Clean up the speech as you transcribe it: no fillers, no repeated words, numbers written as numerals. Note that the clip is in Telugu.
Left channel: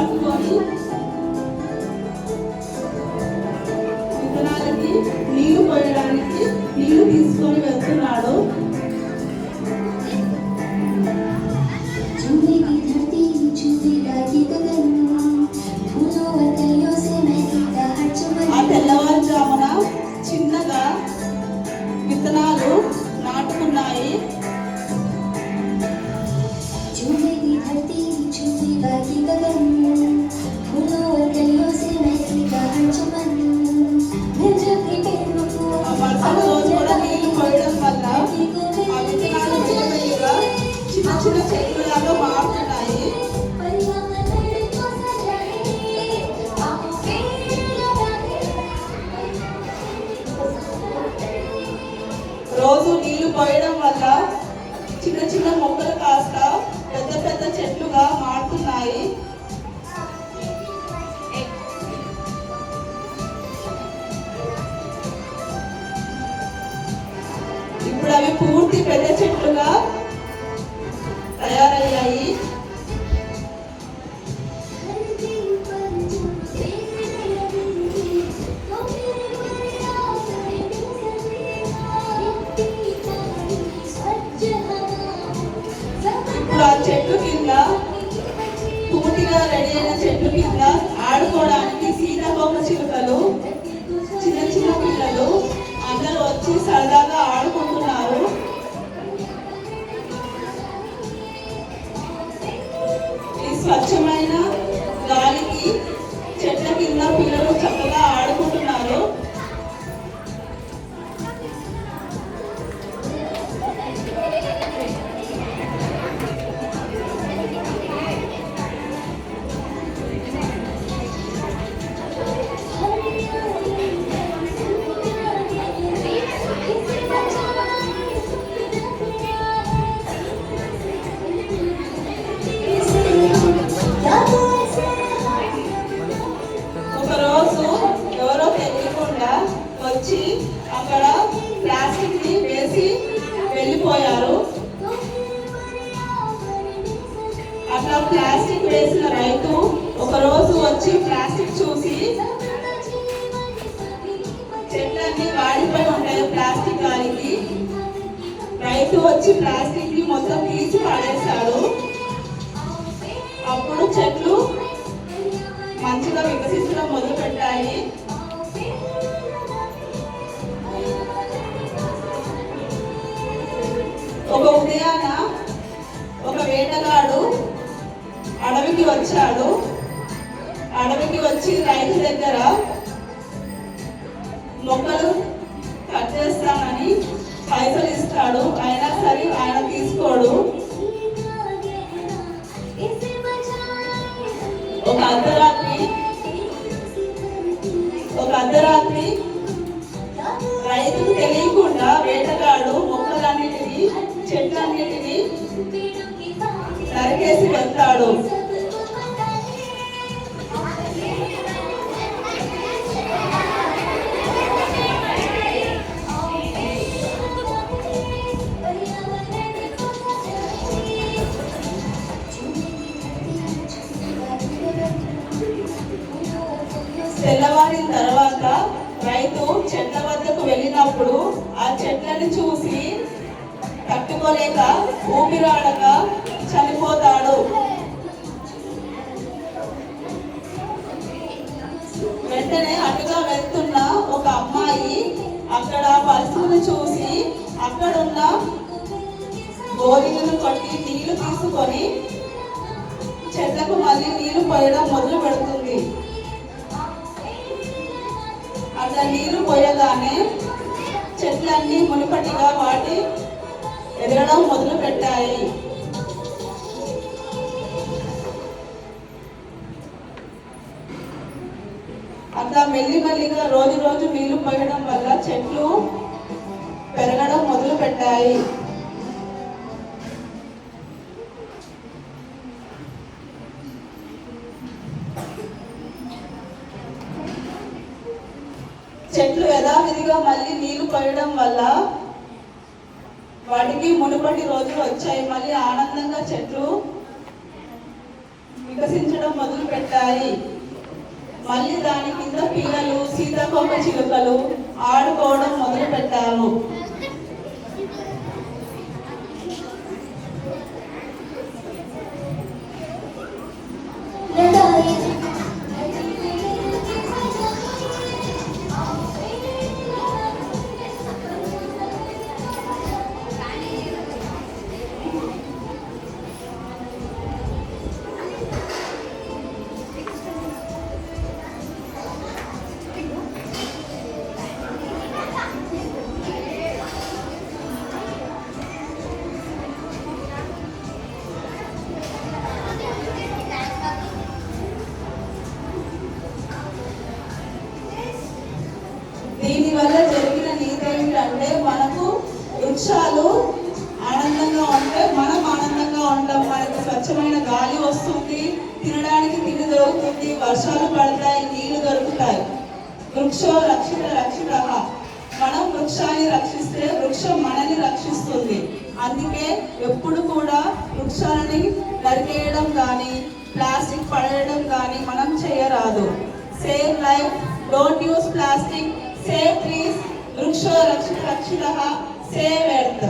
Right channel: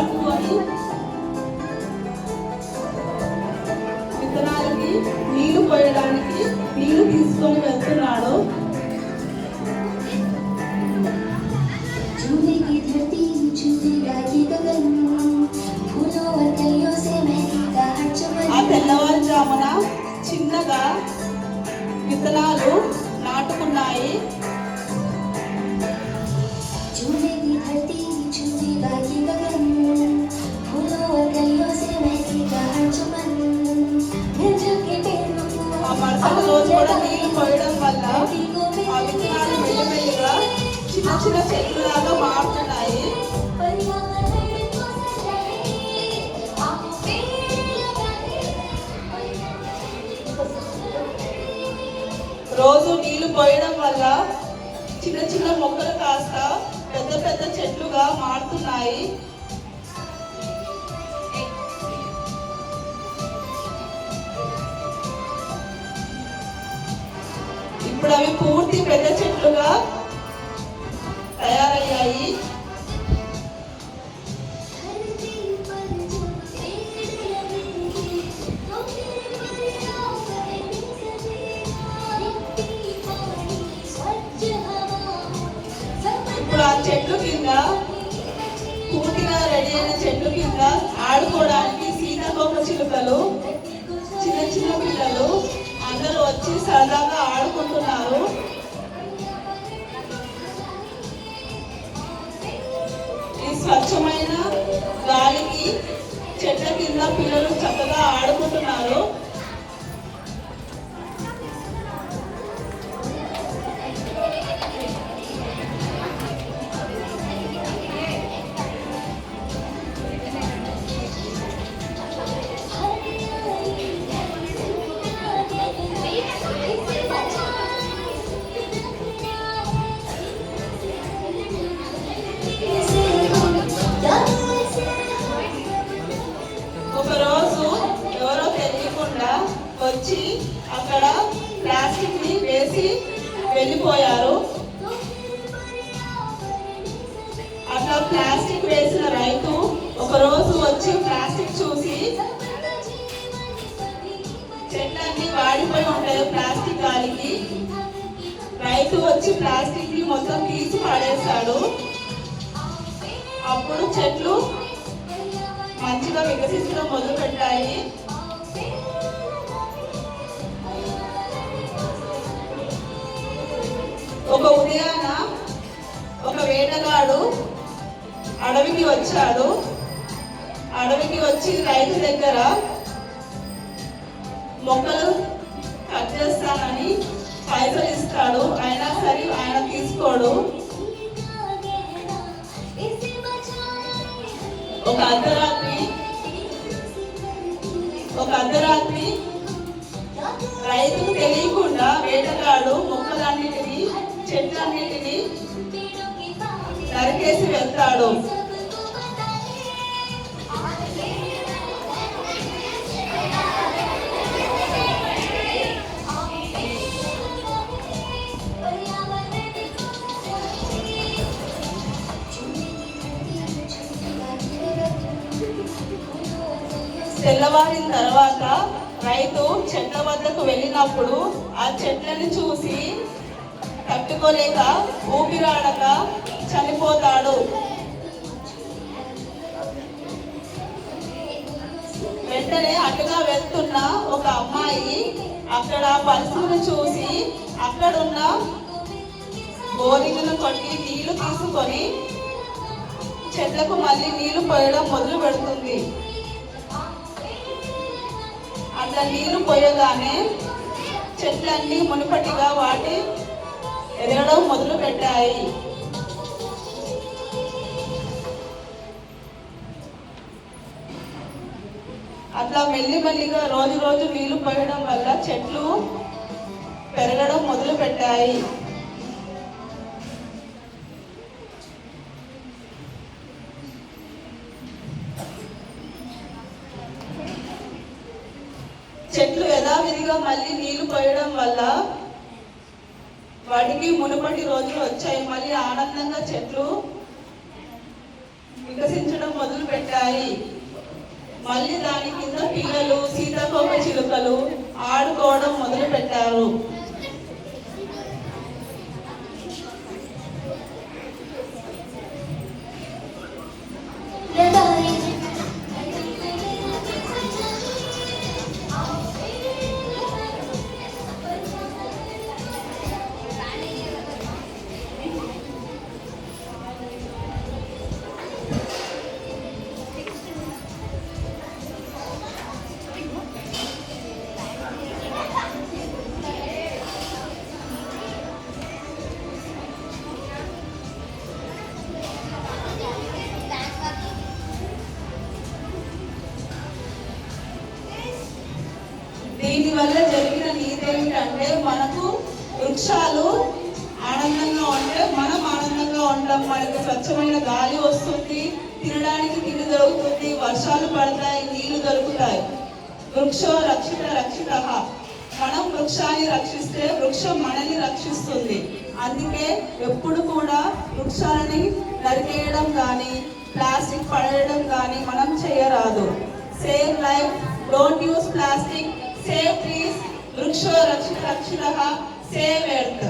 పట్టుకొని విత్తనాలకి నీళ్లు పోయడానికి నీళ్లు తీసుకొని వెళ్తున్నాడు. ఆ తెల్లవారుజామున చిన్నగా విత్తనాలు నాటుకున్నాయి. ఆ మరుసటి రోజు కూడా నీళ్లు పోయడం వల్ల ఆ విత్తనాలు మెల్లమెల్లగా చిన్న చిన్న చెట్లులాగా మారుతున్నాయి. రోజు నీళ్లు పోయడం వల్ల చిన్న చిన్న మొక్కలు కాస్త పెద్ద పెద్ద చెట్లుగా మారుతున్నాయి. ఇప్పుడు అవి పూర్తి పెద్ద చెట్లుగా తయారయ్యాయి. ఇప్పుడు ఆ చెట్లు కింద పూర్తిగా రెడీ అయిన చెట్లు కింద ఆడుకోవడానికి సీతాకోక చిలుకలు, చిన్న చిన్న పిల్లలు అందరూ వచ్చి సరదాగా ఆడుకుంటున్నారు. ఈ స్వచ్ఛమైన గాలికి చెట్ల కింద పిల్లలు చక్కగా ఆడుకుంటున్నారు. ఒకరోజు ఎవరో తెలియకుండా వచ్చి అక్కడ ప్లాస్టిక్ ని వేసి వెళ్ళిపోయారు. అట్లా ప్లాస్టిక్ వేసిన రైతు ఒకరోజు వచ్చి ప్లాస్టిక్ చూసి చెట్లన్నీ వాడిపోయి ఉంటాయి ప్లాస్టిక్ గాలికి. రైతు వచ్చి ప్లాస్టిక్ ని మొత్తం తీసి పడేశాడు. అప్పుడు చెట్లు మంచిగా వికసించడం మొదలు పెట్టాయి. ఒక ఉదయాన ఒక వేటగాడు అడవికి వచ్చాడు. అడవికి వచ్చి రైతు దగ్గర మొక్కలు కట్ చేస్తానని పైసలు ఇస్తాడు. అయినా సరే ఆయన తీసుకోడు. ఒక అర్ధరాత్రి రైతుకు తెలియకుండా వేటగాడు మొక్కలన్నిటినీ చెట్లన్నిటినీ నరికేసి వెళ్తాడు. తెల్లవారిన తర్వాత రైతు చెట్ల వద్దకు వెళ్ళినప్పుడు ఆ చెట్లను చూసి తట్టుకోలేక ఊపిరాడక చనిపోతాడు. వెంటనే అటుగా వెళ్తున్న ఒక అమ్మాయి అక్కడ పరిస్థితిని చూసి అక్కడున్న బోరింగ్ను కొట్టి నీళ్లు తీసుకొని చెట్లకు మళ్ళీ నీళ్లు పోయడం మొదలు పెడుతుంది. అట్లా నీరు పోయగానే చెట్లన్నీ మునుపటిగా వాటి ఎదగడం మొదలు పెట్టాయి. అట్లా మెల్లిమెల్లిగా రోజు రోజు నీళ్లు పోయడం వల్ల చెట్లు పెరగడం మొదలు పెట్టాయి. చెట్లు యథావిధిగా మళ్ళీ నీళ్లు పోయడం వల్ల వాటికి మునుపటి రోజులు వచ్చాయి. మళ్ళీ ఆనందంగా చెట్లు వికసించడం మొదలు పెట్టాయి. మళ్ళీ దాని కింద పిల్లలు సీతాకోక చిలుకలు ఆడుకోవడం మొదలు పెట్టారు. దీని వల్ల జరిగిన నీతి ఏమిటంటే మనకు వృక్షాలు ఆనందంగా ఉంటే మనం ఆనందంగా ఉంటాం. మనకు స్వచ్ఛమైన గాలి వస్తుంది, తినడానికి తిండి దొరుకుతుంది, వర్షాలు పడతాయి, నీళ్లు దొరుకుతాయి. వృక్షో రక్షిత రక్షిత. మనం వృక్షాన్ని రక్షిస్తే వృక్షం మనల్ని రక్షిస్తుంది. అందుకే ఎప్పుడు కూడా వృక్షాలని నరికేయడం కానీ ప్లాస్టిక్ పడేయడం కానీ మనం చేయరాదు. Save life, don't use plastic, save trees, వృక్షో రక్షిత రక్షిత, సేవ్ ఎర్త్.